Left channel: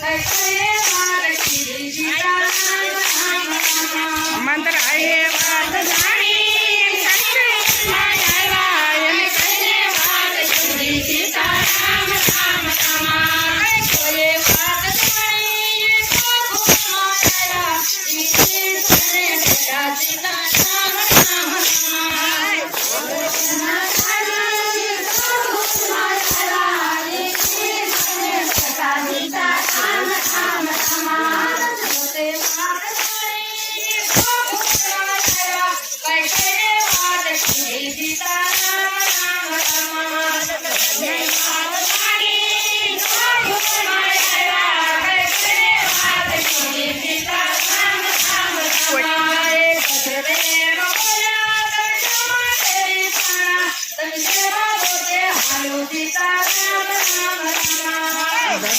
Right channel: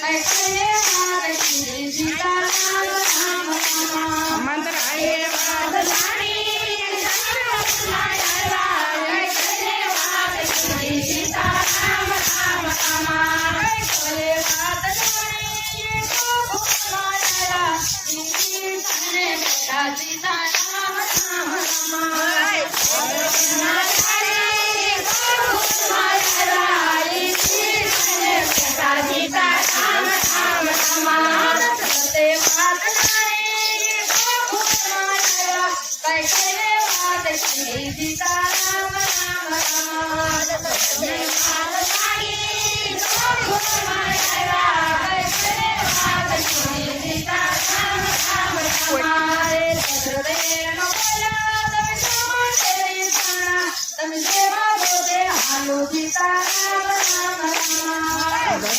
Hey, hey.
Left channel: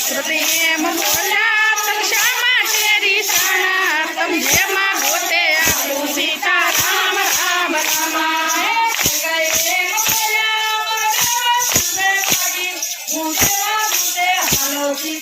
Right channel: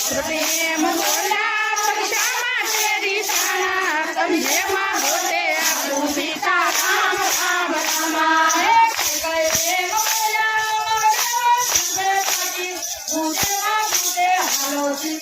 Hello, Dita. Hello,「うつらくてあの日ら」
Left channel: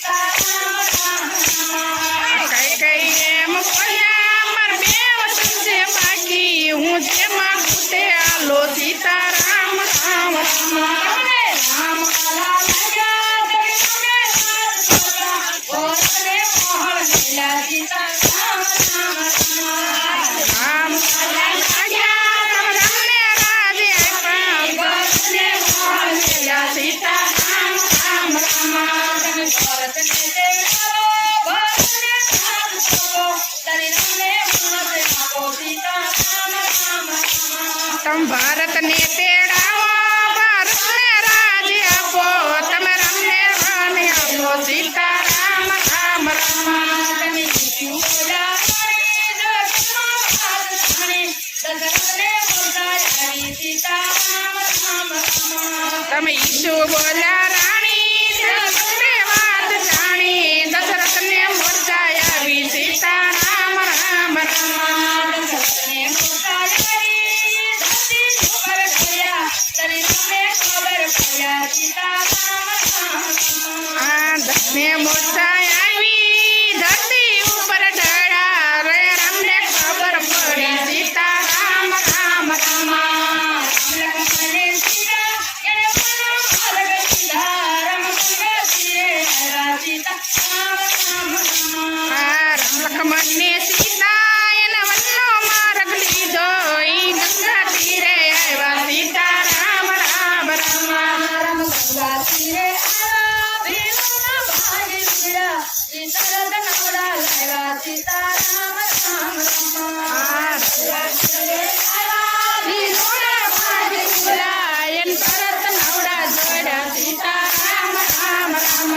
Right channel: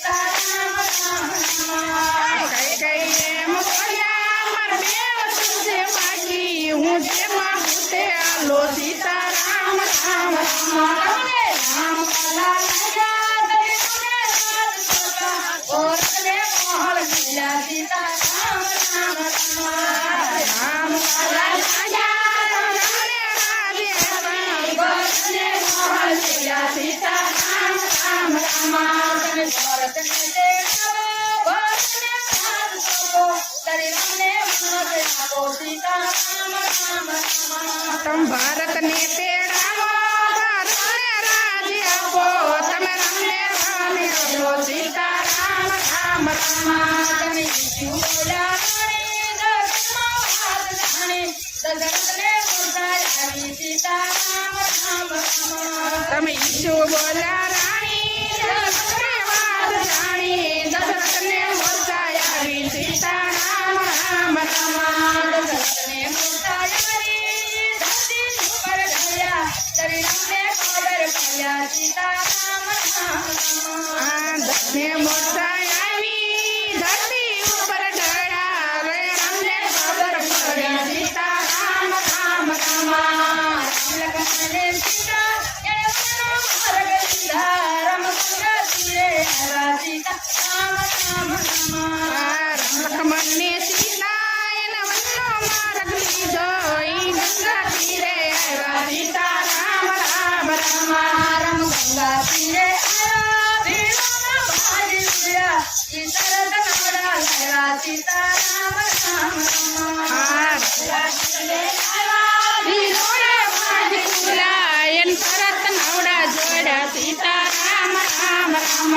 तुम भारत ने तेरा वो भारत ने राज आपो तुम रमने वाणी आपो सीता राम राम राम तम ईशु बोला रानी जानी दशरथ ने सीता राम राम राम दशरथ ने मोर जाया भी सीता राम राम राम दशरथ ने मोर जाया सीता राम राम ખબર પડ્યા તને પડ્યા સીતા રામ મોટા આવી ધરતી సీతారామ కూడా సీతారామ ఎంత జోడ Sitarama Rama Rama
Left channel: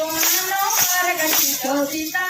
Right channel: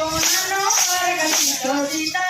con la loca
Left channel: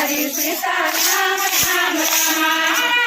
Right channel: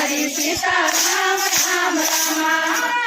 हरे सीता राम राम राम